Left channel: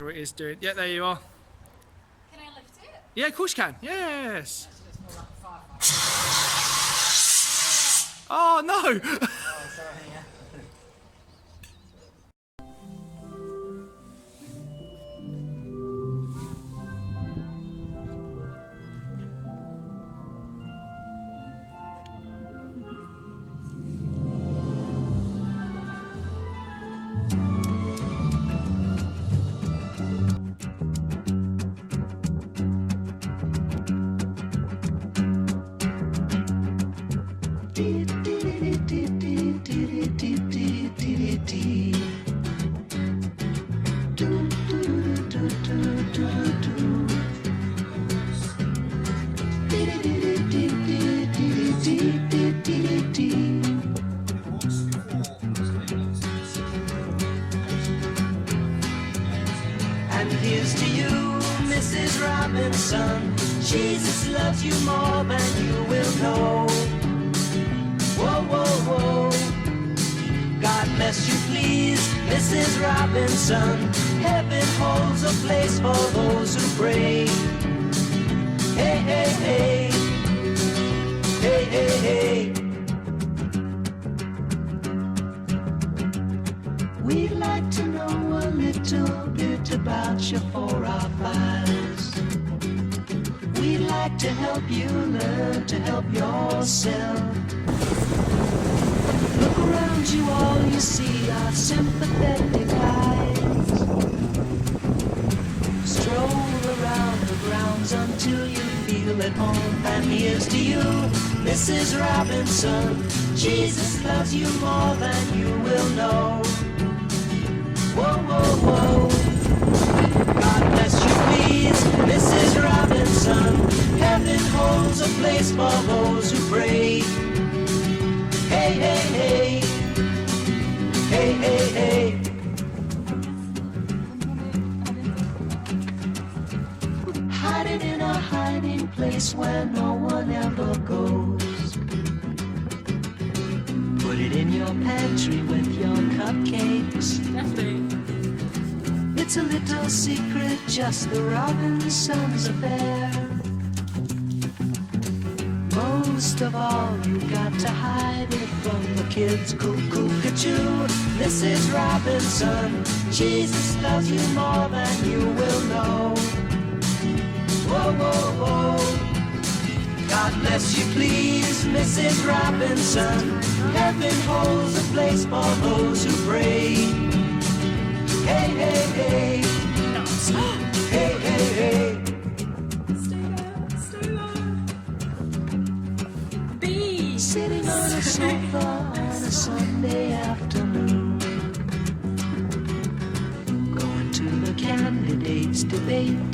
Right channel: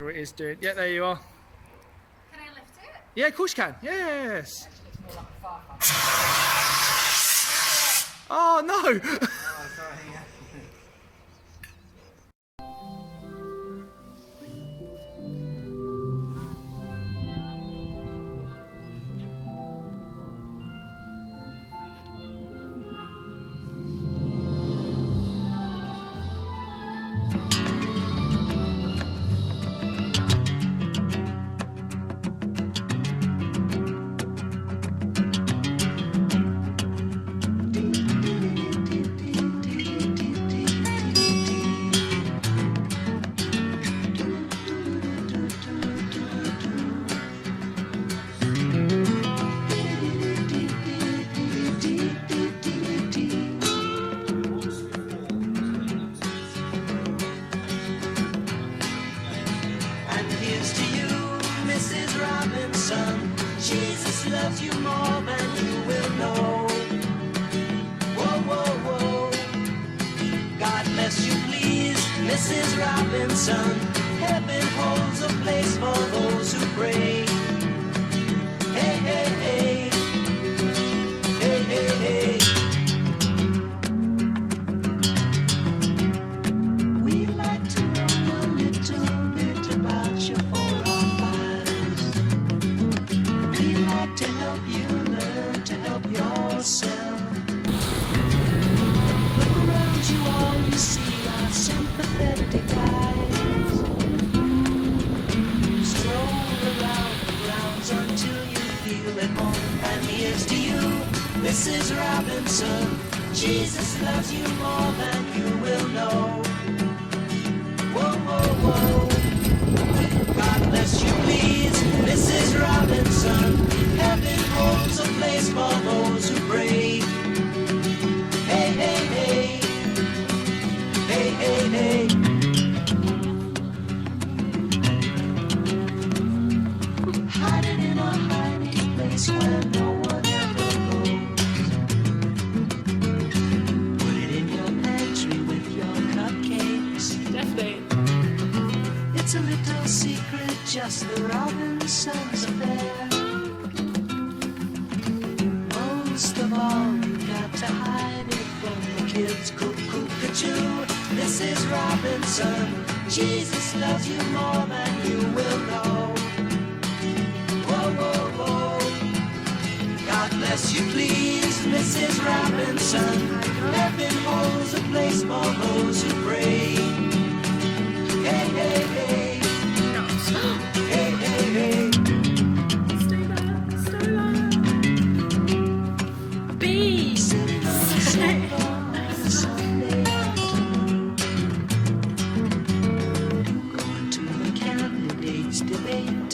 It is doing. Yeah, there you are. Can I lift it? Yeah, of course you can. Yes. Oh no! And here's to you, Mrs. Robinson. Jesus loves you more than you will know. Whoa, whoa, whoa. God bless you, please, Mrs. Robinson. Heaven holds a place for those who pray. Hey, hey, hey. Hey, hey, hey. We'd like to know a little bit about your forefathers. We'd like to help you learn to help yourself. Look around you, all you see are sympathetic eyes. Stroll around the grounds until you feel at home. And here's to you, Mrs. Robinson. Jesus loves you more than you will know. Whoa, whoa, whoa. God bless you, please, Mrs. Robinson. Heaven holds a place for those who pray. Hey, hey, hey. Hey, hey, hey. Hiding in a hiding place where no one ever goes. Put it in your pantry with your cupcakes. Definitely. It's a little secret, just the Robinsons affair. Most of all, you got to hide it from the kids. Cuckoo, cuckoo, Mrs. Robinson. Jesus loves you more than you will know. Whoa, whoa, whoa. God bless you, please, Mrs. Robinson. Heaven holds a place for those who pray. Hey, hey, hey. Hey, hey, hey. Stay there. Bees. Sitting on the sofa on a Sunday afternoon. Going to the candidates' debate.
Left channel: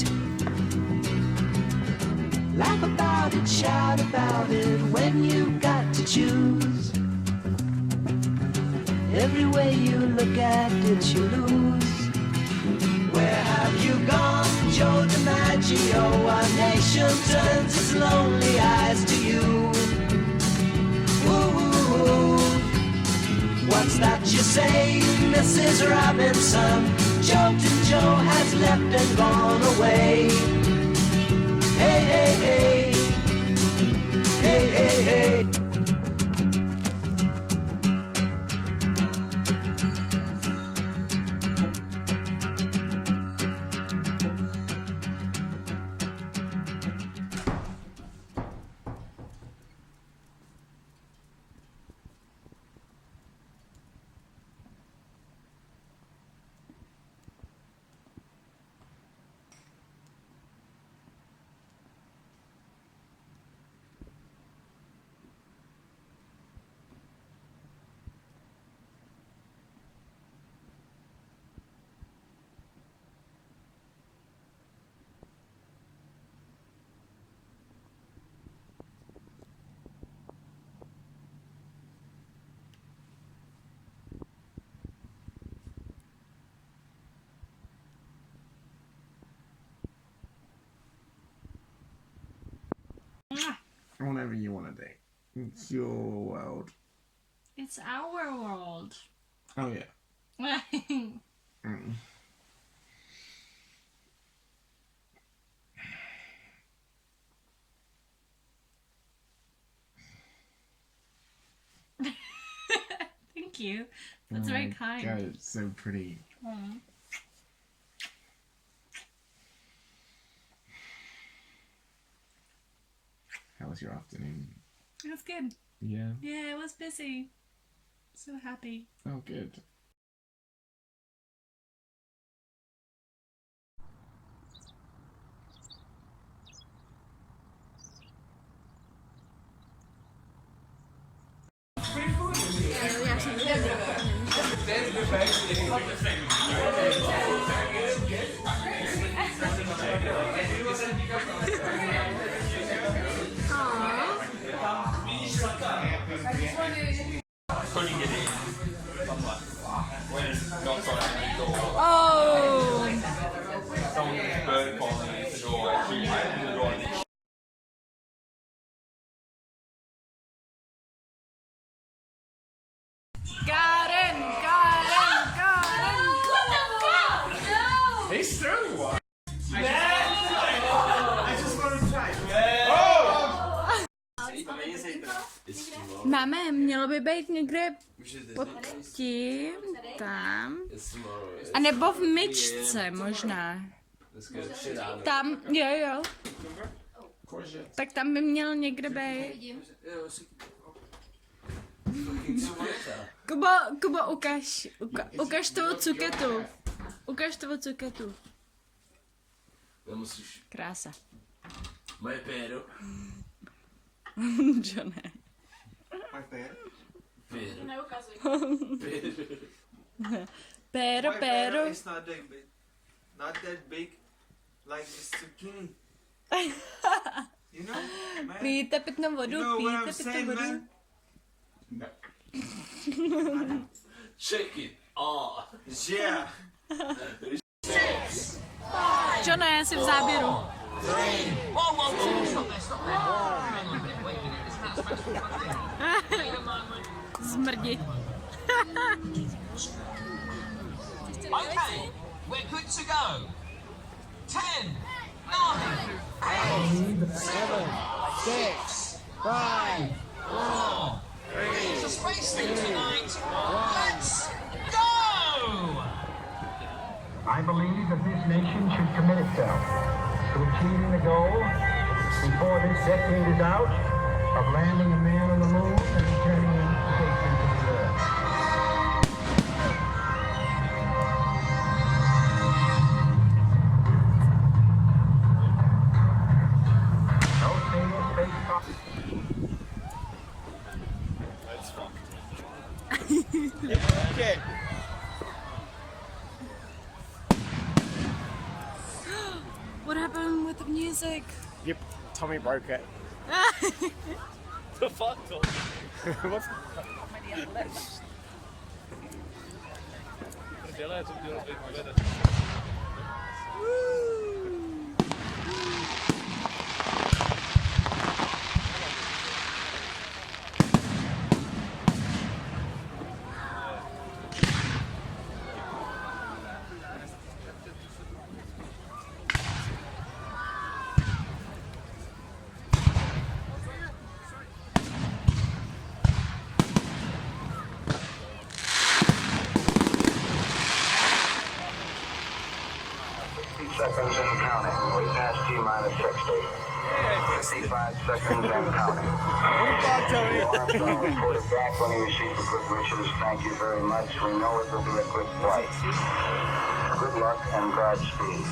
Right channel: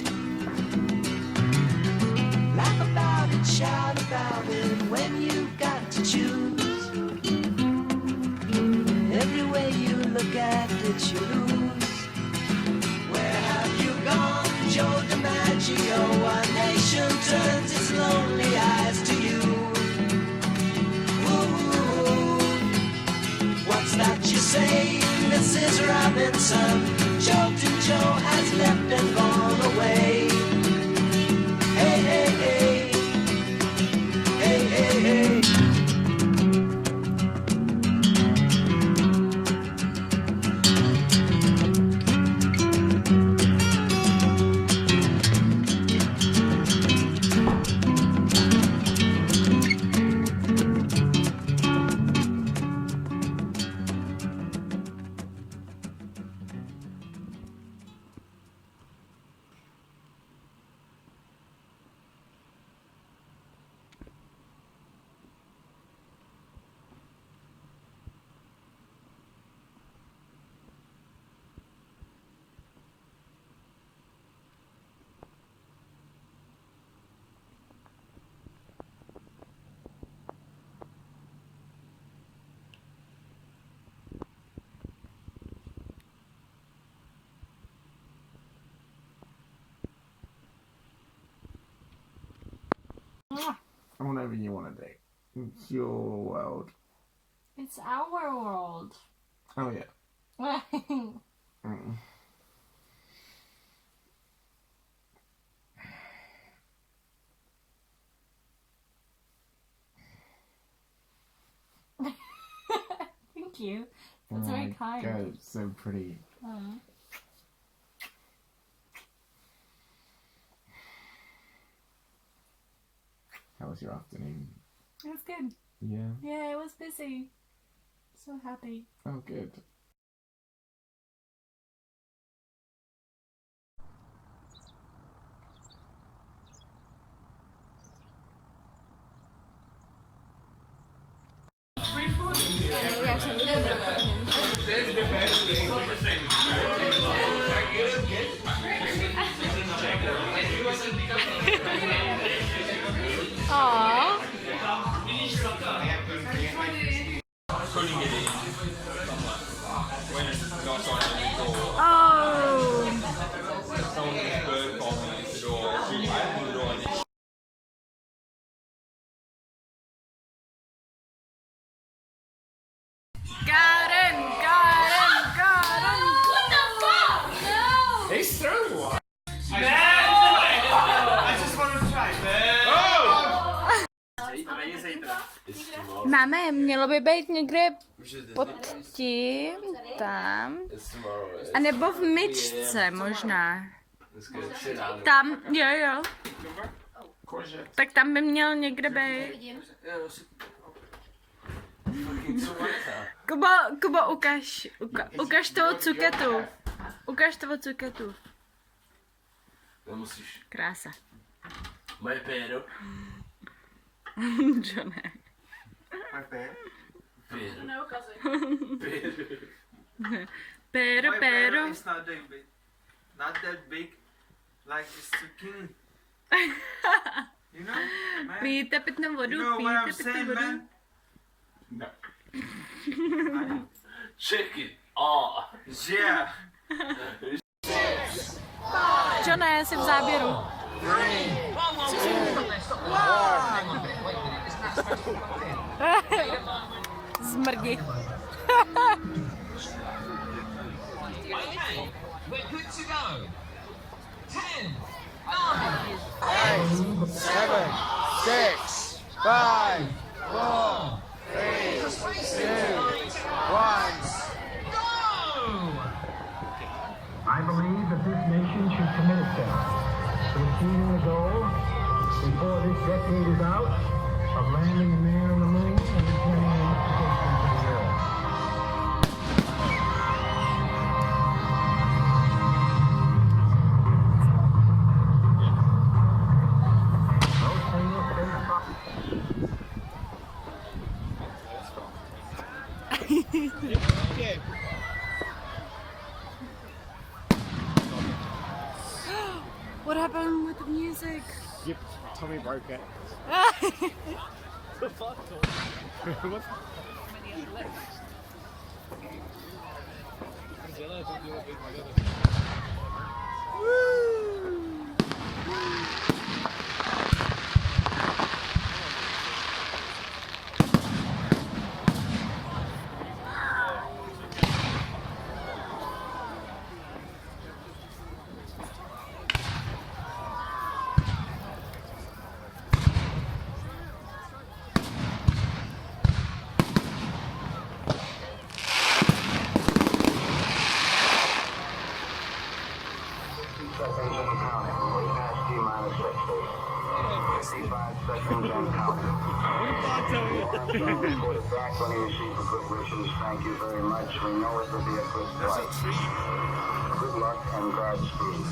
Laugh about it, shout about it when you got to choose. Every way you look at it, you lose. Where have you gone, Joe DiMaggio? One nation turns its lonely eyes to you. Ooh, what's that you say, Mrs. Robinson? Joe to Joe has left and gone away. Hey, hey, hey. Hey, hey, hey. Whatever you want to do. It's your world. It's our world. Oh yeah. Mm. you. That's very my kind. God, it's so pretty. Mm. How was your afternoon? It was good. Yeah. Yeah, it was busy. So happy. Oh, good. Aww. Oh. Got him! What the fuck? No! He's throwing one. I just wanted to try. Máme, mělo by být někde pod tím, tam, a nebo v myčce možná. Tam, jo. Tak tam by měl někde být. Kubo, ukaž toho cuketu. Ukaž toho cuketu. Nemusíš. Krása. Moje péro. Johne. Moje péro. Neukazuj. Péro. Péro. It's not that big. Not that big like this zucchini. You know, man? Pijte pitnou vodu, You know what pijte I'm pitnou saying, vodu. man? No. Check it. Oh, yeah. Johne, jsi v záběru. Zmrdi. Okay, we're good to go. 10, 9, 7, 6, 5, 4, 3, spacing tonight. 1. Go! I believe that this nation should commit itself to achieving the goal before this decade is out of landing a man on the moon and returning an occupation to the earth. No single space What happened with the music? Yep, Tommy broke it. seconds and counting. We passed T-minus 60. 55 seconds and counting. Reported back when he received the quick wishes. Thank you very much. We know it will be a quick flight. Good luck and Godspeed.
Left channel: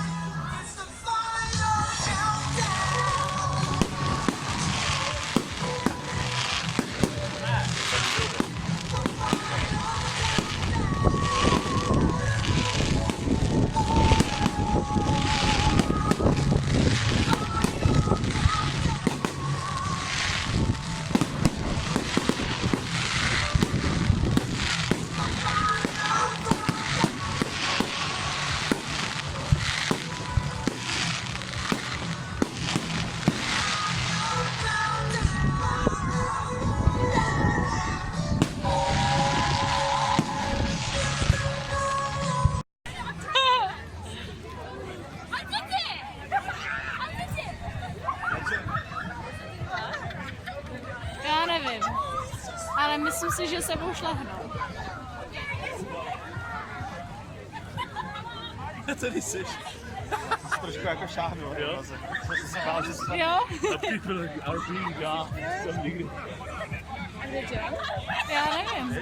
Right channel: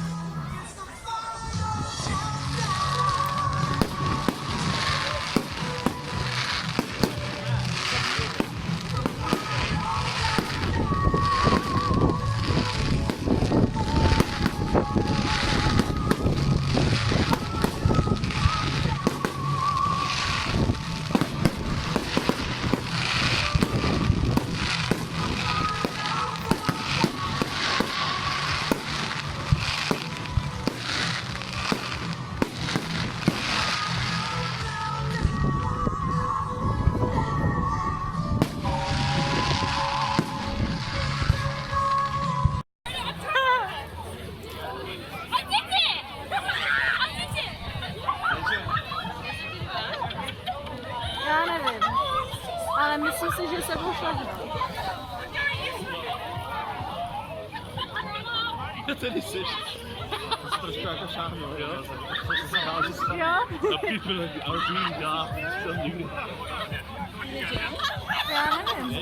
Já nevím, ale myslím si, že se pošlehnou. Tady jsi. To se trošku jako šáhnu, jo? Jo? Já nevím.